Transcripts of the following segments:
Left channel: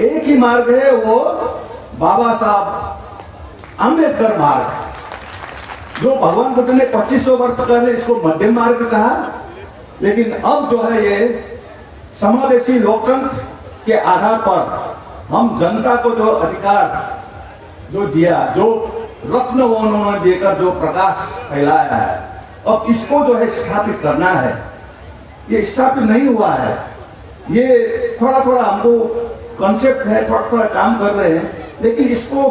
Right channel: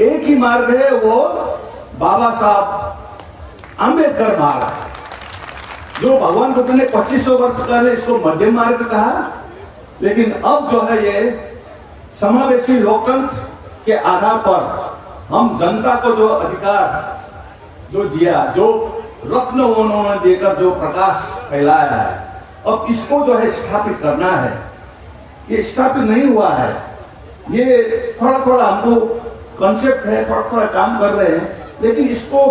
एक ही मार्ग है, वो बाबा साहब आम्बेडकर मार्ग, जो भगवान बुद्ध ने 2500 वर्ष पहले इसको मध्यम मार्ग कहा। लेकिन अब जो है ये समावेशी लोकतंत्र के आधार पर हम जनता को जो अधिकार जो दिया, जो रत्न उन्होंने देकर जो प्रकाश फैलाया है, अब इसको जो है स्थापित करना है। ये स्थापित नहीं हुआ है, ये थोड़ा थोड़ा हमको कॉन्सेप्ट है, थोड़ा थोड़ा काम कर रहे हैं, लेकिन इसको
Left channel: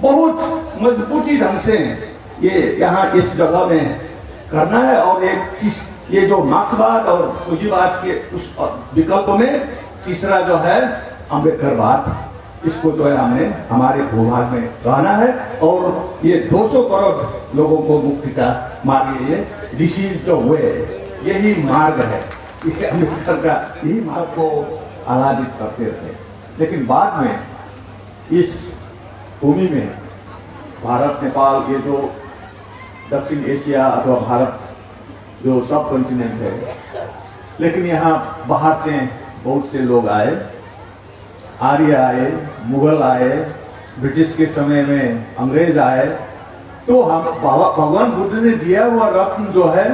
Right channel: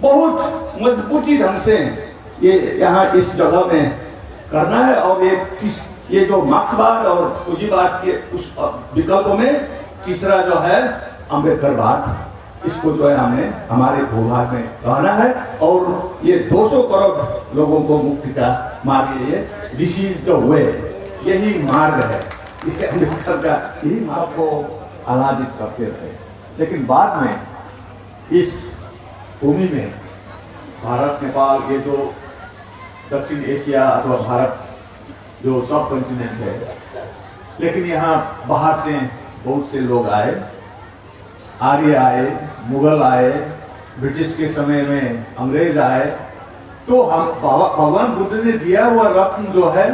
बहुत मजबूती ढंग से ये यहाँ इस जगह में करना है। और ये जो मार्क्सवाद और पूंजीवाद के उस विकल्पों में तीसरा जो है अम्बेडकरवाद, इसको जो है हमें हमारे भूभाग में कहना है। और ये 200 करोड़ लोगों को मुक्ति का मार्ग, ये दिस इज द वे, यही मार्ग है, ये अम्बेडकर का यही मार्ग को आह्लादित करते थे। लेकिन बाद में इस भूमि में भारत, नेपाल, ये जो दक्षिण एशिया अथवा भारत जो सब कॉन्टिनेंट है, लेकिन यहाँ बाहर से बहुत से लोग आए, आर्य आए, मुगल आए, ब्रिटिश के समय में अंग्रेज आए, तो हम भगवान बुद्ध ने दिया हुआ रत्न जो है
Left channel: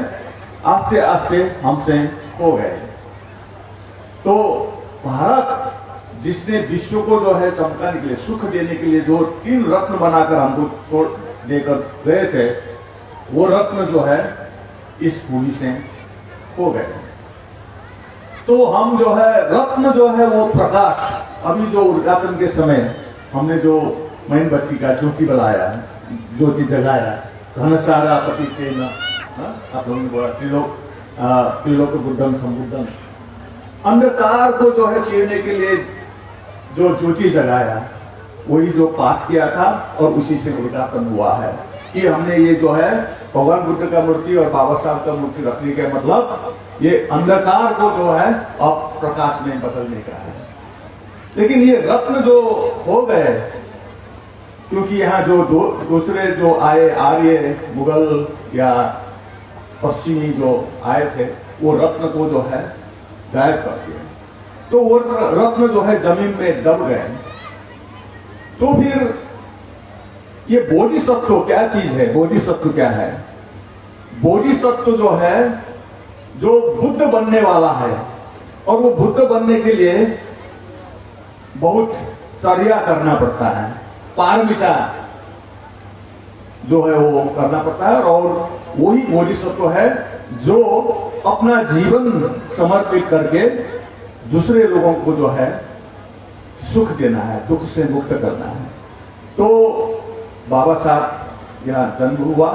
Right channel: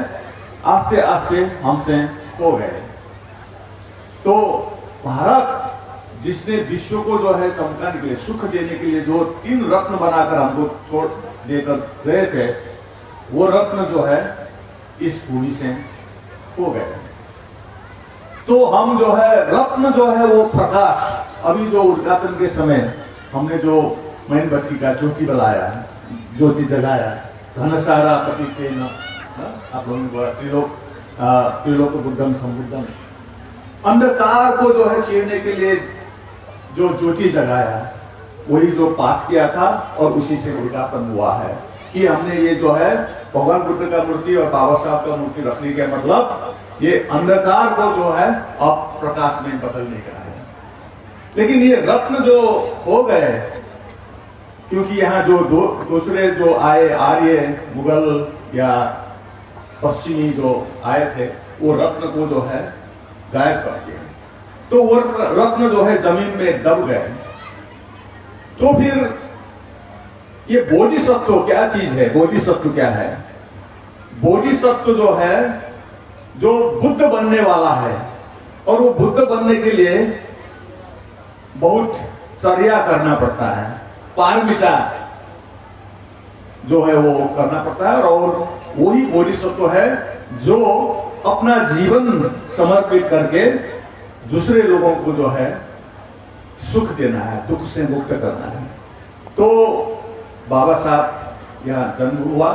आस्ते आस्ते हमसे खो गए। तो भारत जिसने विश्व को जो है चमकाने के लिए, सुख देने के लिए जो 3 रत्न बनाकर हमको छोड़ देकर गए थे, वो रत्न जो है इस भूमि से खो गए। तो हम जो है रत्न जो है वो प्रकाश, अभी जो उद्घाटन के समय हमने जो मेणबत्ती का ज्योति बनाया, ज्योति जगाया, घनसारा पतितेन, आप लोगों ने बोला त्रिलोक बुद्धम संबुद्धम, अंधकार को जो है चीरने के लिए जो ज्योति जगाया, वही जो पाठ किया था और उसी से उद्घाटन हुआ है कि हमने ये जो है भगवान बुद्ध का मूर्ति और बाबा साहब का मूर्ति रखने का मतलब ये अंधकार को जो है अब प्रकाश में बदलने का है। लेकिन ये रत्न जो हो गए, क्योंकि यहाँ जो दूसरे जो आए, आर्य, मुगल या पश्चिमी जो आए थे, वो रत्न को जो है गायब कर दिया, तो वो रत्न जो है जमीन में दब गए। तो फिर ये बोधिसत्व क्या चीज है? बोधिसत्व क्या है? बोधिसत्व जो है, जो बुद्ध बनने वाला है, और वो बुद्ध बनने के लिए बहुत चर्या करना पड़ता है, पारमिता जो है वो करना पड़ता है। और वही बोधिसत्व है जो अपना जीवन समर्पित करके दूसरे लोगों को जो है सुख देना है, दुख से मुक्त करना है। तो बाबा साहब यहाँ जन्म हुआ,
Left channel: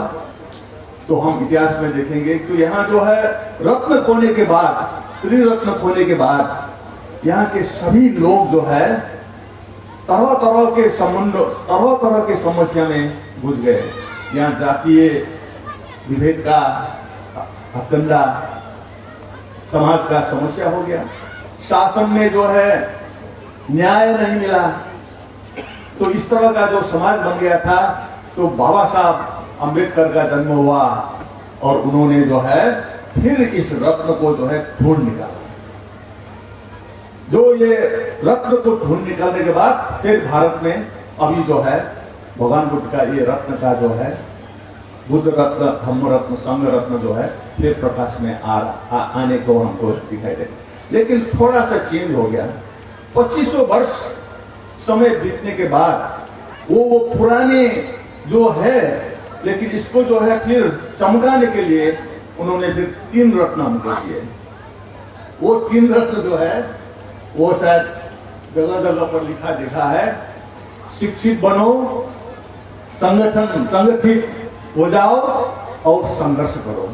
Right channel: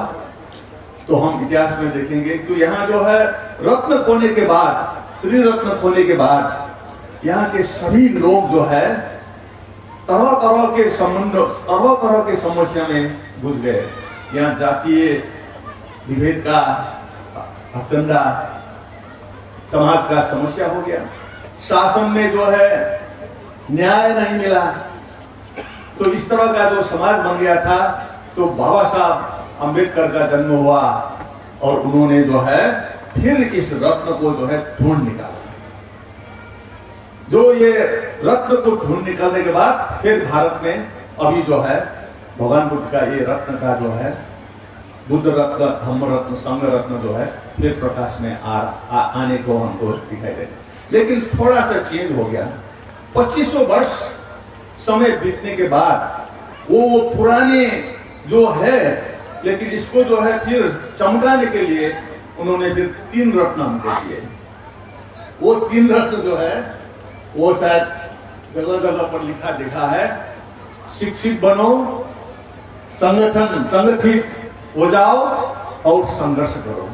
तो हम इतिहास में देखेंगे तो यहाँ जो है रत्न खोने के बाद, त्रिरत्न खोने के बाद यहाँ के सभी लोग जो है तरह तरह के संबंध, तरह तरह के समस्या में घुस गए। यहाँ जातीय विभेद का हथकंडा, समाज का समस्या हो गया, शासन में जो है न्याय नहीं मिला, तो इस तरह का जो समाज बन गया था। तो बाबा साहब अम्बेडकर का जन्म हुआ और उन्होंने जो है फिर इस रत्न को जो है ढूंढ निकाला। जो ये रत्न को ढूंढ निकालने के बाद फिर भारत में अभी जो है भगवान बुद्ध का ये रत्न का जो है बुद्ध रत्न, धम्म रत्न, संघ रत्न जो है फिर प्रकाश में आने को हमको दिखाई दे। लेकिन थोड़ा सा चेंज हो गया। 2500 वर्ष समय बीतने के बाद वो पुराने जो है, लेकिन इसको जो है फिर चमकाने के लिए उन्होंने फिर 3 रत्न हमको दिए। वो 3 रत्न जो है वो शायद जगह जगह पर लिखा देखा है, शिक्षित बनो, संगठित हो जाओ और संघर्ष करो।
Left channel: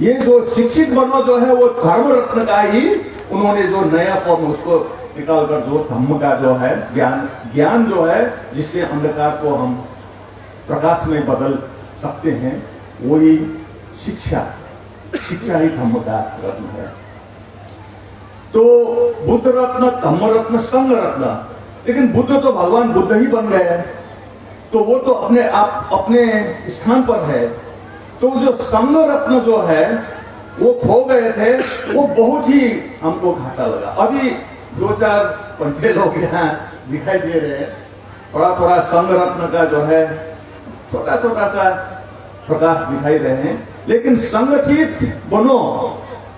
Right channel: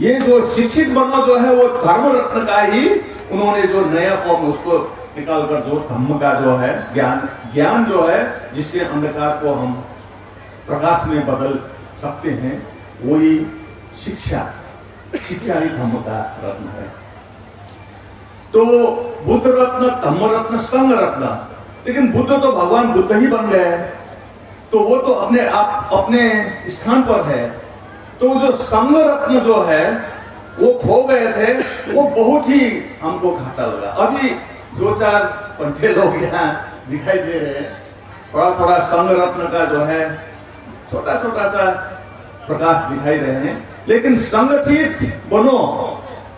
ये जो शिक्षित बनो जो है वो धर्म रत्न का ही उन्होंने जो नया फॉर्म उसको निकालकर जो धम्म का जो है ज्ञान जो है जिससे अंधकार को हम प्रकाश में बदल सकते हैं, वही शिक्षा ही धम्म का रत्न है। तो बुद्ध रत्न, धम्म रत्न, संघ रत्न, लेकिन बुद्ध तो भगवान बुद्ध ही बन गए, तो वो तो अपने आप अपने स्थान पर है। तो जो संघ रत्न जो है वो खो गए थे, वो बहुत ही हमको घाटा लगा। अभी 2-4 पंचे लोग यहाँ दिखाई दे रहे हैं। थोड़ा थोड़ा संघ रत्न का जो है छोटा छोटा सा प्रकाश दिखाई रहे हैं, लेकिन संगठित बनो,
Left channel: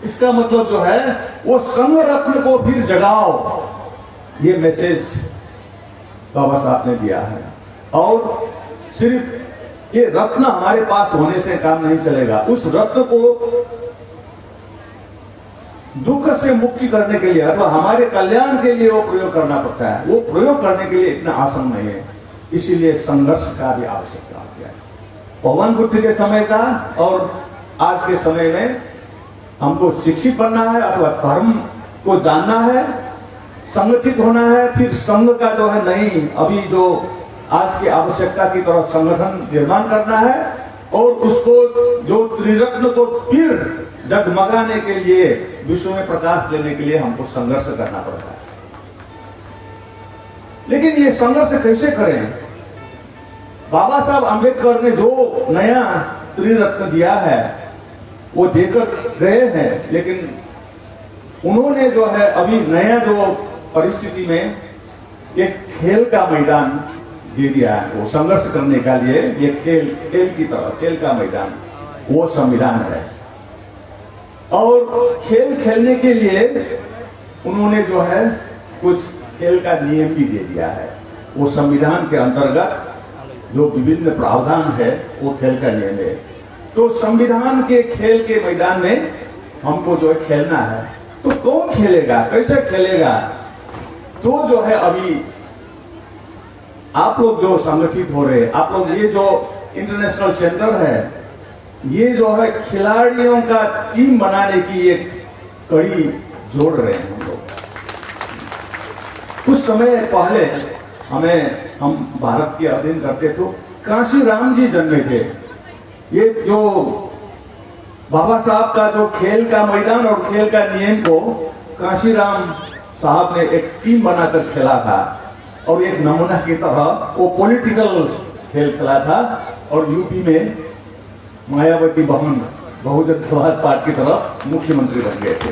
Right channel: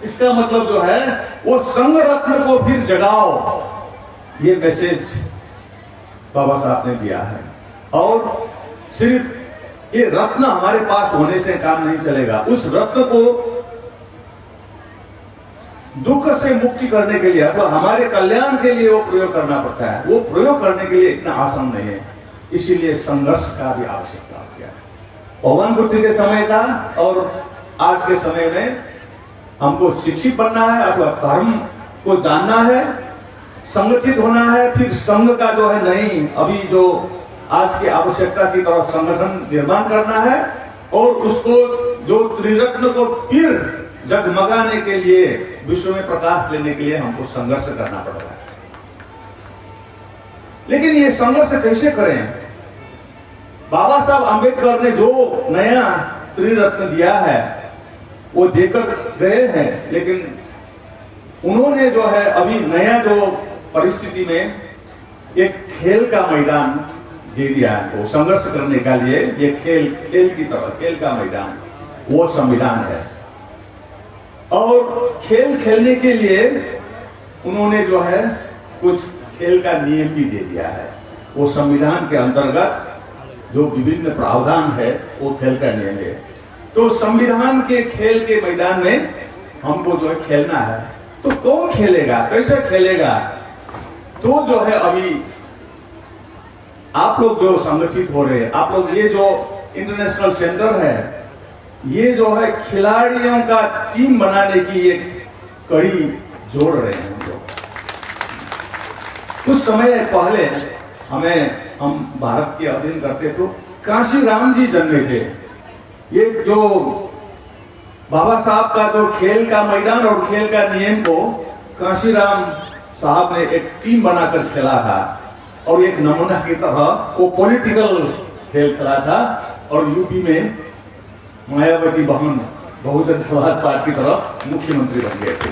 इसका मतलब जो है वो संघ रत्न को फिर जगाओ, ये मैसेज बाबा साहब ने दिया है। और सिर्फ ये रत्न हमारे पास होने से काम नहीं चलेगा, उस रत्न को दुख से मुक्ति करने के लिए अथवा हमारे कल्याण के लिए वो प्रयोग करना पड़ता है। वो प्रयोग करने के लिए इतना आसान नहीं है, इसीलिए संघर्ष का भी आवश्यकता हो गया। पवन बुद्ध के समय का और आज के समय में हमको शिक्षित बनना है अथवा धर्म को जानना है, संगठित होना है, फिर संघ का जो है नहीं, अभी जो आज की आवश्यकता की तरफ संगठन निर्माण करना है और उसको जो त्रिरत्न को फिर जगमगाने के लिए, विश्व में प्रकाश लेने के लिए हमको संघर्ष करना पड़ेगा। लेकिन ये संघर्ष कैसे करें? बाबा साहब आंबेडकर ने जो नया त्रिरत्न दिया है वो देकर गए हैं, लेकिन उन्होंने जो है अभी नया जो परिस्थिति में एक खेल का मैदान दे दिया है, वो संघर्ष करने का लिए ये खेल की तरह खेल का मैदान वो संविधान है। और खेल खेलने के लिए उन्होंने जो है कुछ खेल का नियम भी दे दिया है। वो संविधान के अंतर्गत जो विभिन्न प्रावधान है वो खेल का नियम है। तो संविधान के खेल के मैदान में हमको जो है खेलना है। तो कौन खेलेगा, कैसे खेलेगा? तो जो है अभी आप लोग जो संगठित हो रहे, आप लोग ये जो इंटरनेशनल सेंटर है, ये जो है खिलाड़ियों का टीम बनाने की एक कड़ी जोड़ रहे हैं हम लोग। कुछ समय पहले हम भारत के अध्ययन करते तो कांशीराम जी जन्मे थे। ये जो बाबा साहब का जो खेल का मैदान और खेल का नियम को कांशीराम साहब ने एक टीम बनाकर खेला था और एक नमूना की तरह वो पॉलिटिकल खेल खेला था और यूपी में मायावती बहन बहुजन समाज पार्टी की तरफ मुख्यमंत्री बन गए थे।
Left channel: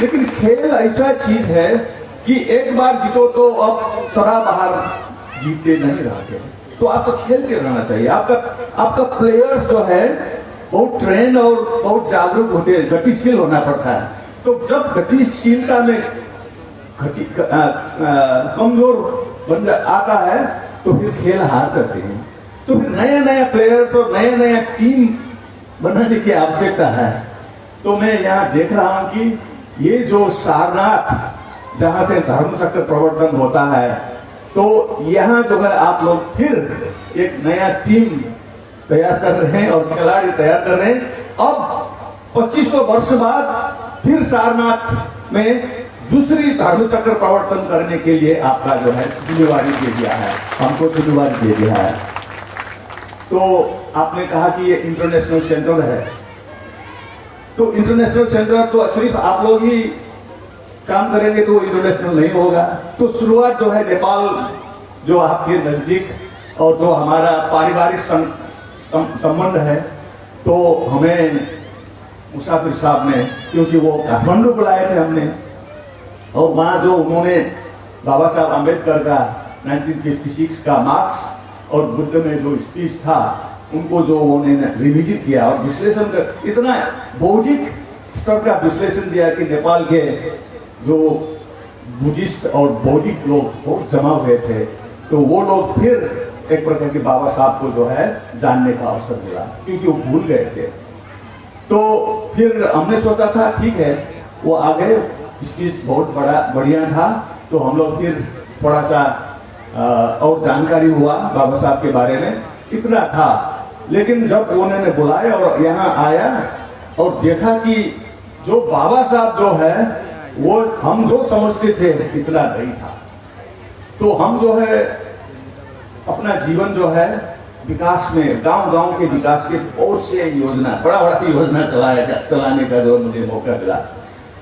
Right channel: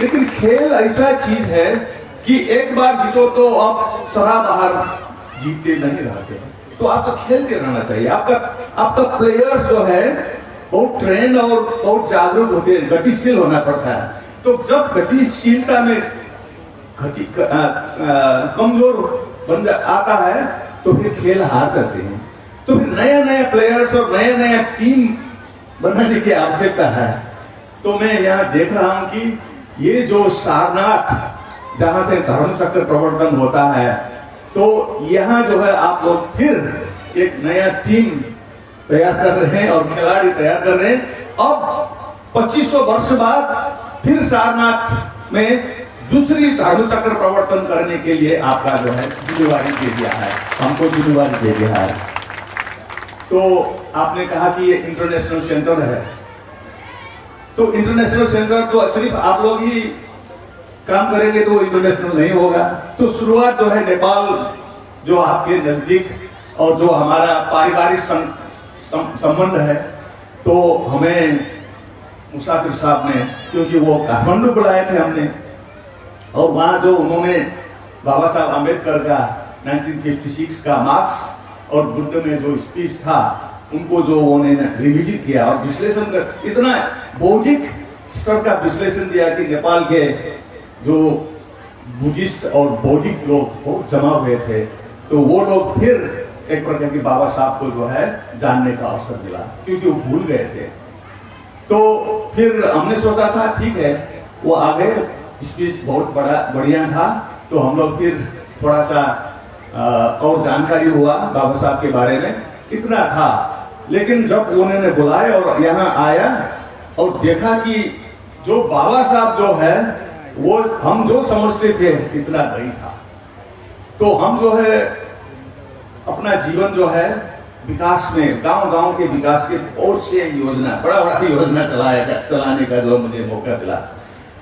लेकिन खेल ऐसा चीज है कि एक बार जीतो तो अब सदा बाहर जीतते नहीं रहते, तो आपको खेलते रहना चाहिए। आपका प्लेयर्स जो है बहुत ट्रेंड और बहुत जागरूक होते हैं, गतिशील होना पड़ता है। तो जब गतिशीलता में कमजोर बन आता है तो फिर खेल हार जाते हैं। तो फिर नया नया प्लेयर्स और नया नया टीम बनाने की आवश्यकता है। तो मैं यहाँ देख रहा हूं कि ये जो सारनाथ जहां से धर्म चक्र प्रवर्तन होता है, तो यहाँ जो है आप लोग फिर एक नया टीम तैयार कर रहे हैं और खिलाड़ी तैयार कर रहे हैं। अब 2500 वर्ष बाद फिर सारनाथ में दूसरी धर्म चक्र प्रवर्तन करने के लिए आपका जो है जिम्मेवारी दे दिया है, हमको जिम्मेवारी दे दिया है। तो आपने कहा कि ये इंटरनेशनल सेंटर है, तो इंटरनेशनल सेंटर तो सिर्फ आप लोग ही काम करेंगे तो इंटरनेशनल नहीं होगा। तो शुरुआत जो है नेपाल जो आपके नजदीक और जो हमारा पारिवारिक संबंध है, तो हमें मुसाफिर साहब ने, क्योंकि वो काठमांडू बुलाए थे हमने, और वहां जो उन्होंने बाबा साहब आंबेडकर का 1956 का मार्क्स और बुद्ध में जो स्पीच था उनको जो उन्होंने रिविजिट किया और विश्लेषण कर इतना बौद्धिक स्तर का विश्लेषण दिया कि नेपाल के जो बुद्धिस्ट और बौद्धिक लोग बहुत जमा हुए थे, तो वो लोग फिर एक प्रकार के बाबा साहब को जो है जानने का अवसर मिला, क्योंकि वो भूल गए थे। तो फिर हमने सोचा था ठीक है वो आ गए, स्पीच बहुत बढ़िया था, तो हम लोग फिर थोड़ा सा और जानकारी हुआ बाबा साहब के बारे में, इतना था। लेकिन जब उन्होंने बुलाया और यहाँ आया और देखा कि जो बाबा साहब जो है वो हम जो समझते थे इतना नहीं था, तो हम जो है अपना जीवन जो है विकास में, गांव गांव के विकास के बहुत से योजना, बड़ा बड़ा योजना चलाने का जो मुझे मौका मिला।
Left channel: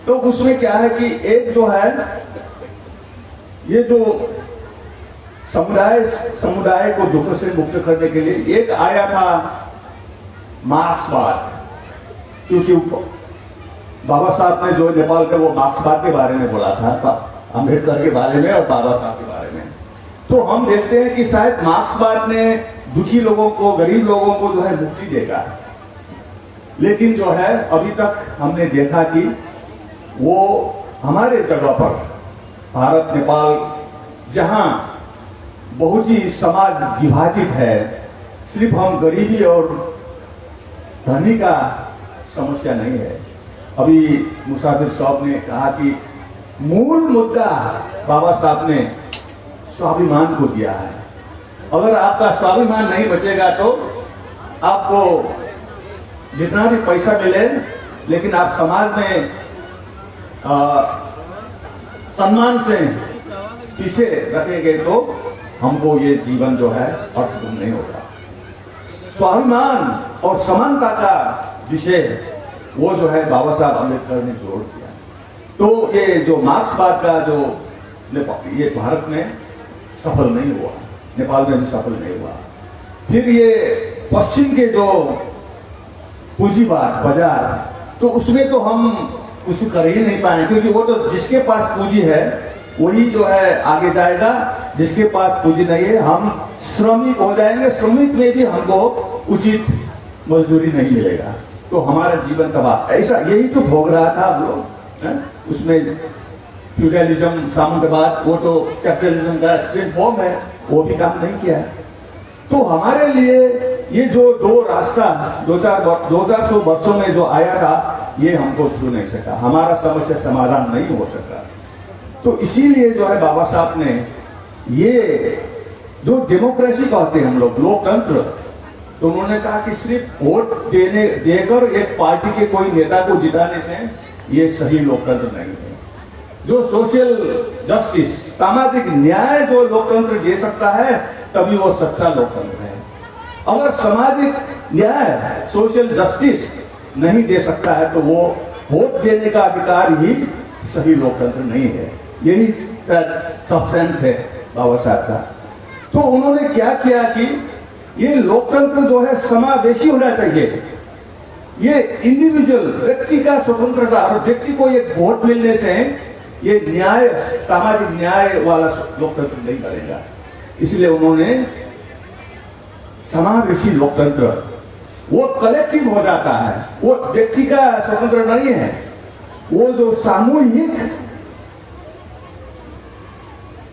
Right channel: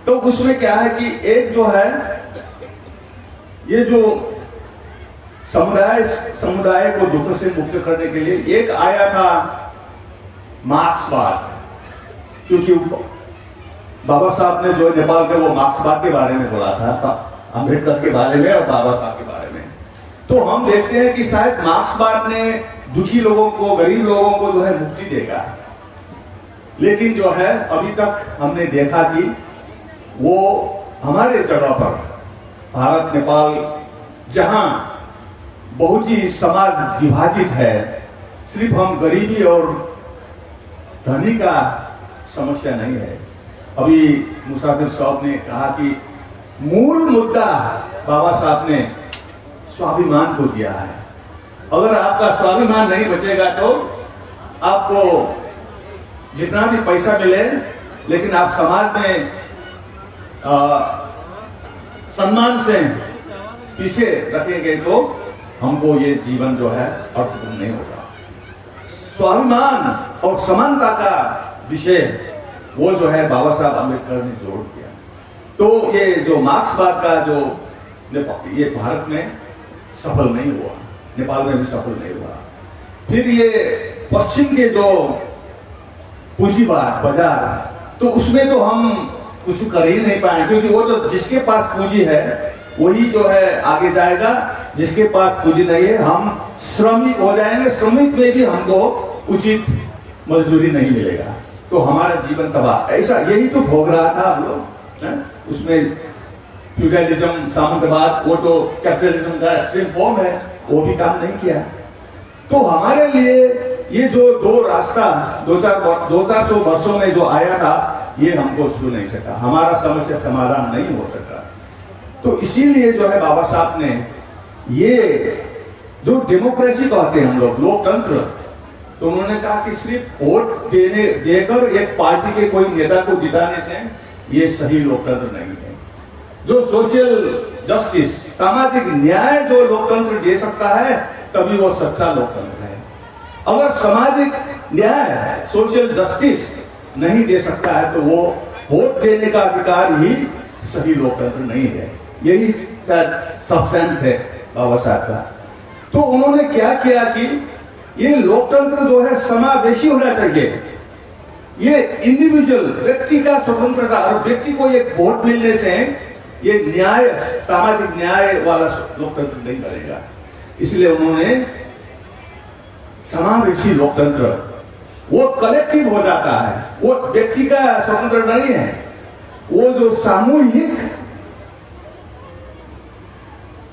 तो उसमें क्या है कि एक जो है ये जो समुदाय को दुख से मुक्त करने के लिए एक आया था मार्क्सवाद, क्योंकि बाबा साहब ने जो नेपाल के वो मार्क्सवाद के बारे में बोला था, अम्बेडकर के बारे में और बाबा साहब के बारे में। तो हम देखते हैं कि शायद मार्क्सवाद ने दुखी लोगों को, गरीब लोगों को जो है मुक्ति देगा, लेकिन जो है अभी तक हमने देखा कि वो हमारे जगह पर भारत नेपाल जहां बहुत ही समाज विभाजित है, सिर्फ हम गरीबी और धनी का समस्या नहीं है। अभी मुसाफिर साहब ने कहा कि मूल मुद्दा बाबा साहब ने स्वाभिमान को दिया है। अगर आपका स्वाभिमान नहीं बचेगा तो आपको जितना भी पैसा मिले, लेकिन आप समाज में सम्मान से पीछे रखेंगे तो हमको ये जीवन जो है अर्थपूर्ण नहीं होगा। स्वाभिमान और समानता का विषय वो जो है बाबा साहब अम्बेडकर ने जोड़ दिया। तो ये जो मार्क्सवाद का जो ये भारत में सफल नहीं हुआ, नेपाल में भी सफल नहीं हुआ। फिर ये पश्चिम के जो पूंजीवाद बाजार, तो उसमें तो हम कुछ कर ही नहीं पाए, क्योंकि वो तो जिसके पास पूंजी है वही जो है आगे जाएगा, जिसके पास पूंजी नहीं है हम श्रमिक हो जाएंगे, श्रमिक में भी हमको उचित मजदूरी नहीं मिलेगा, तो हमारा जीवन तबाह। ऐसा यही तो भोग रहा था हम लोग। उसमें फ्यूडलिज्म, सामंतवाद, वो तो कैपिटलिज्म का एक्सट्रीम फॉर्म है, वो भी काम नहीं किया। तो हमारे लिए ये जो दो रास्ता 2400 वर्षों में जो आया था, ये हमको छू नहीं सका, हमारा समस्या समाधान नहीं हो सका। तो इसीलिए जो है बाबा साहब ने ये जो डेमोक्रेसी कहते हैं हम लोग, लोकतंत्र, तो उन्होंने कहा कि सिर्फ वोट देकर एक पार्टी के कोई नेता को जिताने से ये सही लोकतंत्र नहीं है। जो सोशल जस्टिस, सामाजिक न्याय जो लोकतंत्र दे सकता है, तभी वो सच्चा लोकतंत्र है। अगर सामाजिक न्याय, सोशल जस्टिस नहीं दे सकता है तो वो वोट देने का अधिकार ही सही लोकतंत्र नहीं है। यही सब्सटेंस है बाबा साहब का। तो उन्होंने क्या किया कि ये लोकतंत्र जो है समावेशी होना चाहिए। ये इंडिविजुअल, व्यक्ति का स्वतंत्रता, और व्यक्ति को एक वोट मिलने से ये न्याय, सामाजिक न्याय वाला लोकतंत्र नहीं बनेगा। इसलिए उन्होंने समावेशी लोकतंत्र, वो कलेक्टिव हो जाता है, वो व्यक्ति का स्वतंत्र नहीं है, वो जो सामूहिक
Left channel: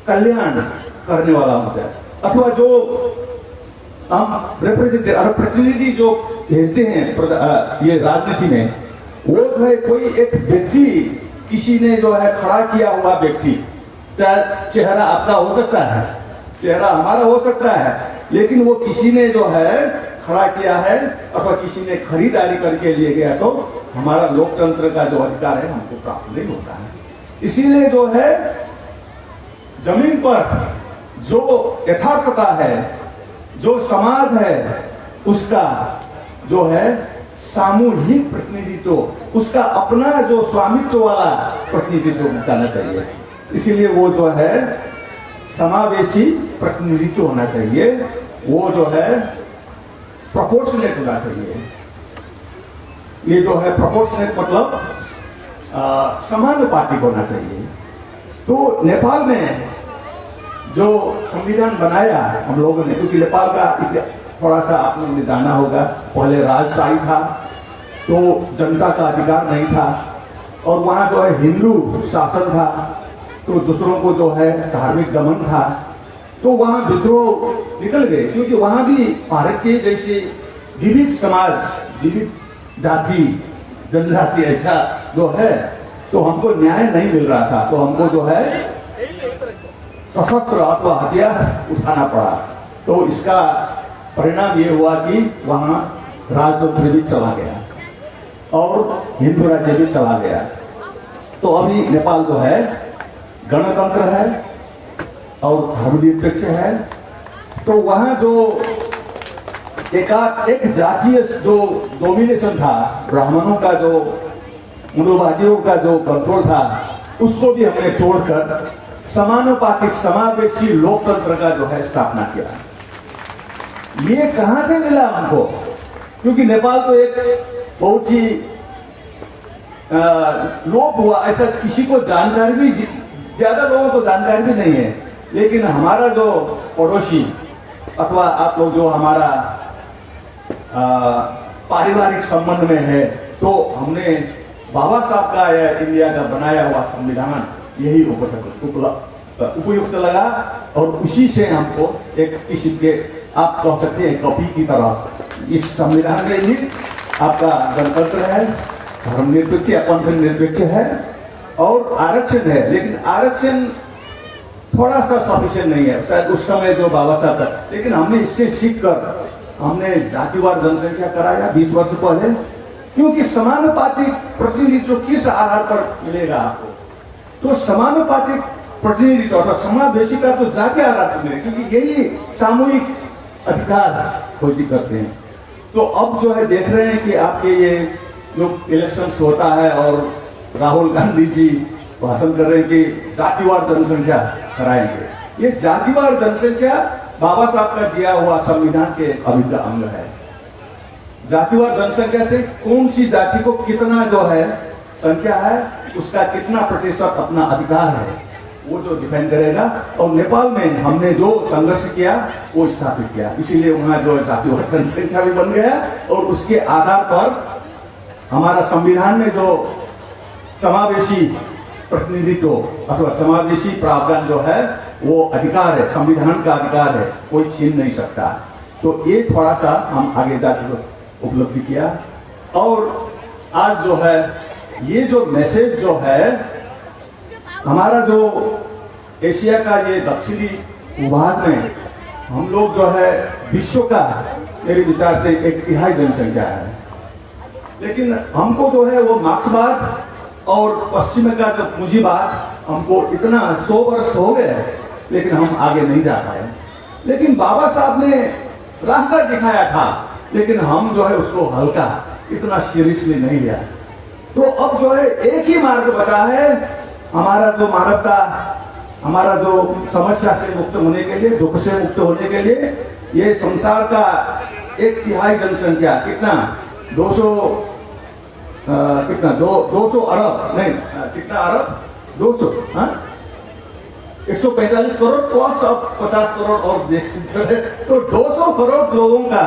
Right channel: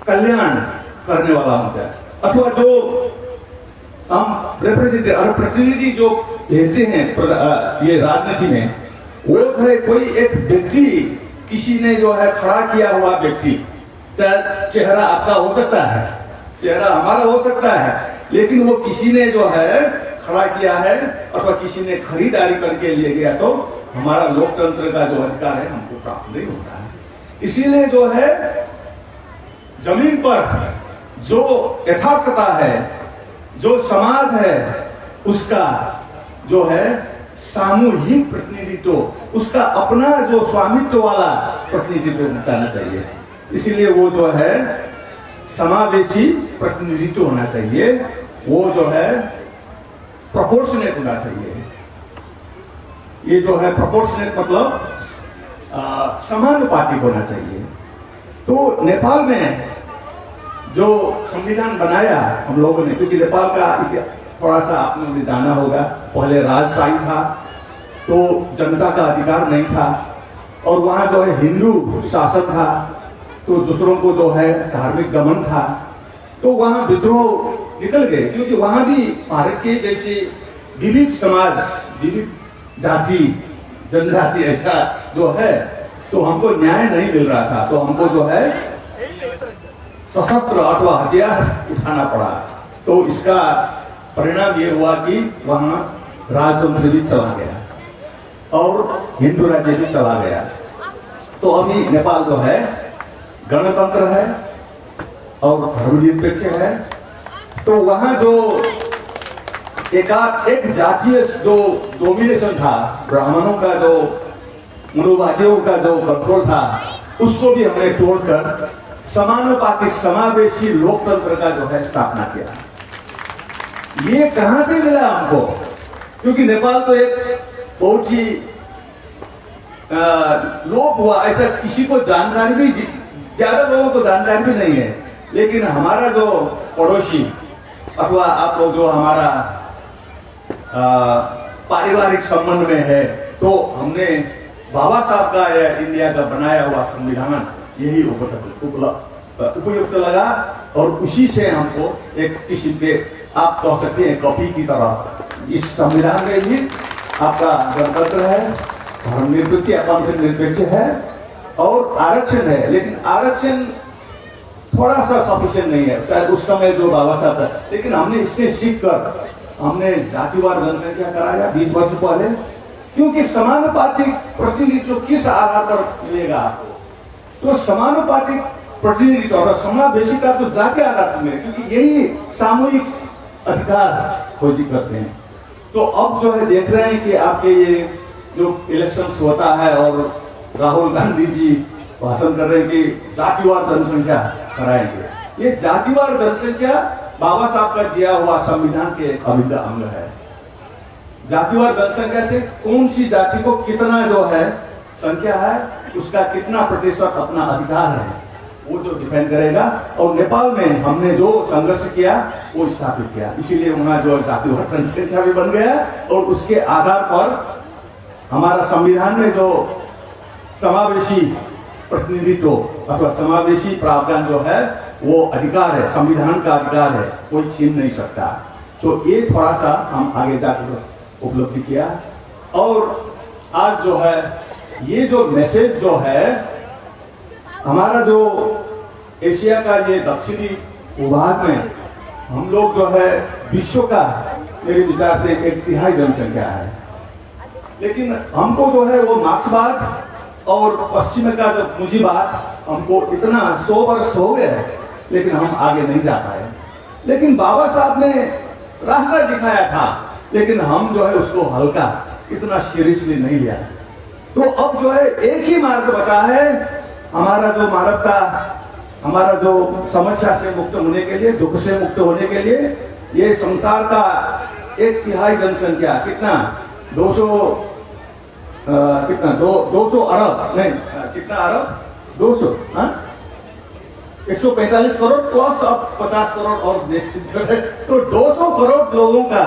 कल्याण करने वाला हो जाए, अथवा जो हम रिप्रेजेंटेटिव, प्रतिनिधि जो भेजते हैं ये राजनीति में, वो जो है कोई एक व्यक्ति, किसी ने जो है खड़ा किया हुआ व्यक्ति, चाहे चेहरा आपका हो सकता है, चेहरा हमारा हो सकता है, लेकिन वो किसी ने जो है खड़ा किया है अथवा किसी ने खरीदारी करके लिए गया, तो हमारा लोकतंत्र का जो अधिकार है हमको प्राप्त नहीं होता है। इसीलिए जो है जमीन पर जो यथार्थता है, जो समाज है, उसका जो है सामूहिक प्रतिनिधित्व, उसका अपना जो स्वामित्व वाला प्रतिनिधित्व बताना चाहिए। इसीलिए वो जो है समावेशी प्रतिनिधित्व होना चाहिए, वो जो है प्रोपोर्शनेट होना चाहिए। ये जो है प्रोपोर्शनेट मतलब समानुपातिक होना चाहिए। तो नेपाल में जो संविधान बनाया हम लोगों ने, क्योंकि नेपाल का थोड़ा सा आप लोगों ने जाना होगा, पहले राजशाही था, तो जनता का अधिकार नहीं था, और वहां जो है हिंदू शासन था, तो दूसरों को जो है धार्मिक दमन था, तो वहां विद्रोह निकल गए, क्योंकि वहां भी भारत के जैसे विविध समाज, विविध जाति, जनजाति ऐसा जो है, तो हमको न्याय नहीं मिल रहा था, तो हमको जो है सशस्त्र अथवा हथियार उठाना पड़ा। तो इसका परिणाम ये हुआ कि वहां राजतंत्र भी चला गया और हिंदू राज्य भी चला गया। तो अभी नेपाल जो है गणतंत्र है और धर्मनिरपेक्ष है। तो वहां जो एक जातीय जो डोमिनेशन था, ब्राह्मणों का जो, मनुवादियों का जो कंट्रोल था, उसको भी हमने तोड़कर समानुपातिक समावेशी लोकतंत्र का जो है स्थापना किया। ये कहां से मिला हमको? क्योंकि नेपाल तो एक बहुत ही लोप हुआ, ऐसा किसी को जानकारी भी ज्यादा लोगों को जानकारी भी नहीं है। लेकिन हमारा जो पड़ोसी अथवा आप लोग जो हमारा पारिवारिक संबंध में है, तो हमने बाबा साहब का या इंडिया का बनाया हुआ संविधान यही उपयुक्त लगा और उसी से हमको एक किसी के आप कह सकते हैं कॉपी की तरह इस संविधान में ही आपका गणतंत्र है, धर्मनिरपेक्ष निरपेक्ष है और आरक्षण है। लेकिन आरक्षण थोड़ा सा सफिशिएंट नहीं है शायद उस समय जो बाबा साहब का, लेकिन हमने इससे सीख कर हमने जातिवार जनसंख्या कराया 20 वर्ष पहले, क्योंकि समानुपातिक प्रतिनिधित्व किस आधार पर मिलेगा आपको, तो समानुपातिक प्रतिनिधित्व और समावेशिता तो जाति आधार पर मिले, क्योंकि यही सामूहिक अधिकार खोजी करते हैं। तो अब जो है देख रहे हैं कि आपके ये जो इलेक्शन होता है और राहुल गांधी जी भाषण कर रहे हैं कि जातिवार जनसंख्या कराएंगे। ये जातिवार जनसंख्या बाबा साहब का दिया हुआ संविधान के अभिन्न अंग है। जातिवार जनसंख्या से कौन सी जाति को कितना जो है संख्या है, उसका कितना प्रतिशत अपना अधिकार है, वो जो डिपेंड करेगा। और नेपाल में हमने जो संघर्ष किया वो स्थापित किया, इसीलिए वहां जो जातिवार जनसंख्या भी बन गया और उसके आधार पर हमारा संविधान में जो समावेशी प्रतिनिधित्व अथवा समावेशी प्रावधान जो है वो अधिकार है, संविधान का अधिकार है, कोई छीन नहीं सकता। तो ये थोड़ा सा हम आगे जाके उपलब्धि किया और आज जो है ये जो मैसेज जो है हमारा जो एशिया का ये दक्षिणी भूभाग में हम लोग जो है विश्व का मेरे विचार से 1/3 जनसंख्या है, लेकिन हमको जो है वो मार्क्सवाद और पश्चिम का जो पूंजीवाद हमको इतना 100 वर्ष हो गए लेकिन हम आगे नहीं जा पाए। लेकिन बाबा साहब ने रास्ता दिखाया था, लेकिन हम जो है उसको हल्का इतना सीरियसली नहीं लिया। तो अब जो है एक ही मार्ग बचा है हमारा जो मानवता, हमारा जो समस्या से मुक्त होने के लिए, दुख से मुक्त होने के लिए, ये संसार का 1/3 जनसंख्या कितना 200 अरब नहीं कितना अरब 200 145 करोड़ प्लस अब 50 करोड़ और तो 200 करोड़ लोगों का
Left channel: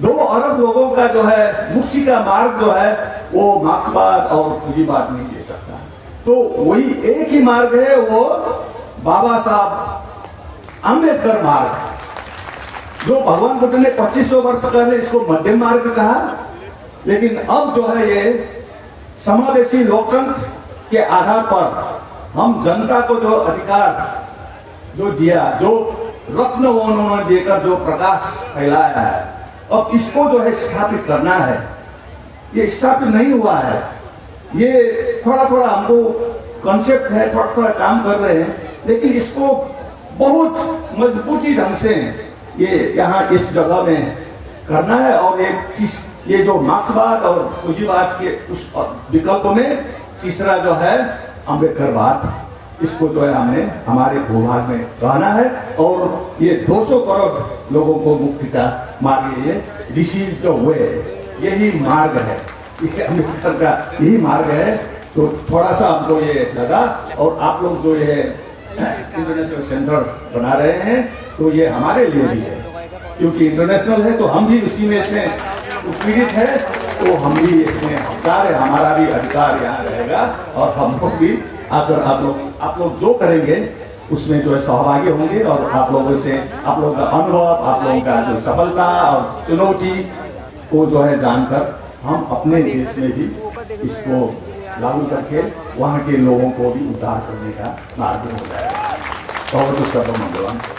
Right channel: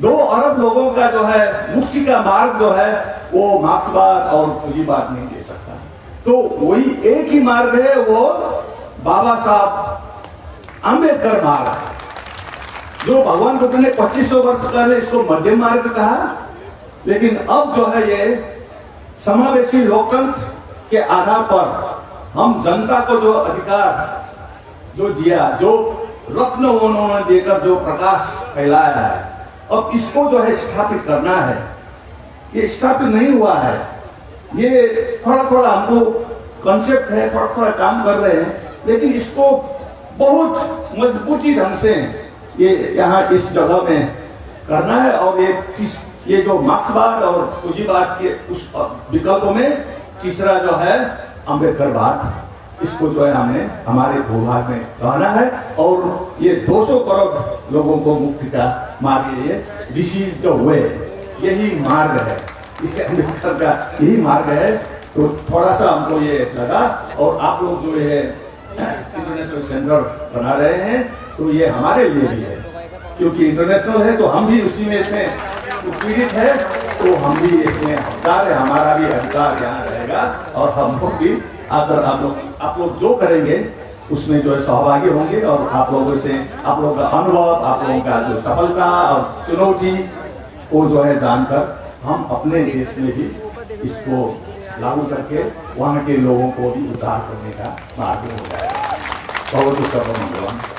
2 अरब लोगों का जो है मुक्ति का मार्ग जो है वो मार्क्सवाद और पूंजीवाद नहीं दे सकता। तो वही एक ही मार्ग है, वो बाबा साहब आंबेडकर मार्ग, जो भगवान बुद्ध ने 2500 वर्ष पहले इसको मध्यम मार्ग कहा। लेकिन अब जो है ये समावेशी लोकतंत्र के आधार पर हम जनता को जो अधिकार जो दिया, जो रत्न उन्होंने देकर जो प्रकाश फैलाया है, अब इसको जो है स्थापित करना है। ये स्थापित नहीं हुआ है, ये थोड़ा थोड़ा हमको कॉन्सेप्ट है, थोड़ा थोड़ा काम कर रहे हैं, लेकिन इसको बहुत मजबूती ढंग से ये यहाँ इस जगह में करना है। और ये जो मार्क्सवाद और पूंजीवाद के उस विकल्पों में तीसरा जो है अम्बेडकरवाद, इसको जो है हमें हमारे भूभाग में कहना है। और ये 200 करोड़ लोगों को मुक्ति का मार्ग, ये दिस इज द वे, यही मार्ग है, ये अम्बेडकर का यही मार्ग है। तो थोड़ा सा हमको ये लगा, और आप लोग जो ये इंटरनेशनल सेंटर बना रहे हैं तो ये हमारे लिए भी है, क्योंकि इंटरनेशनल है तो हम भी उसी में इसमें उत्पीड़ित है, तो हम भी इसमें हकदार है, हमारा भी अधिकार यहाँ रहेगा और हम लोग भी आकर आप लोग जो करेंगे उसमें जो है सहभागी होंगे। और आप लोगों से आप लोगों का अनुभव, आप लोगों का जो सफलता और चुनौती को जो है जानकर हम अपने देश में भी इसको लागू करके वहाँ के लोगों को भी उद्धार करने का मार्ग हो जाएगा। बहुत बहुत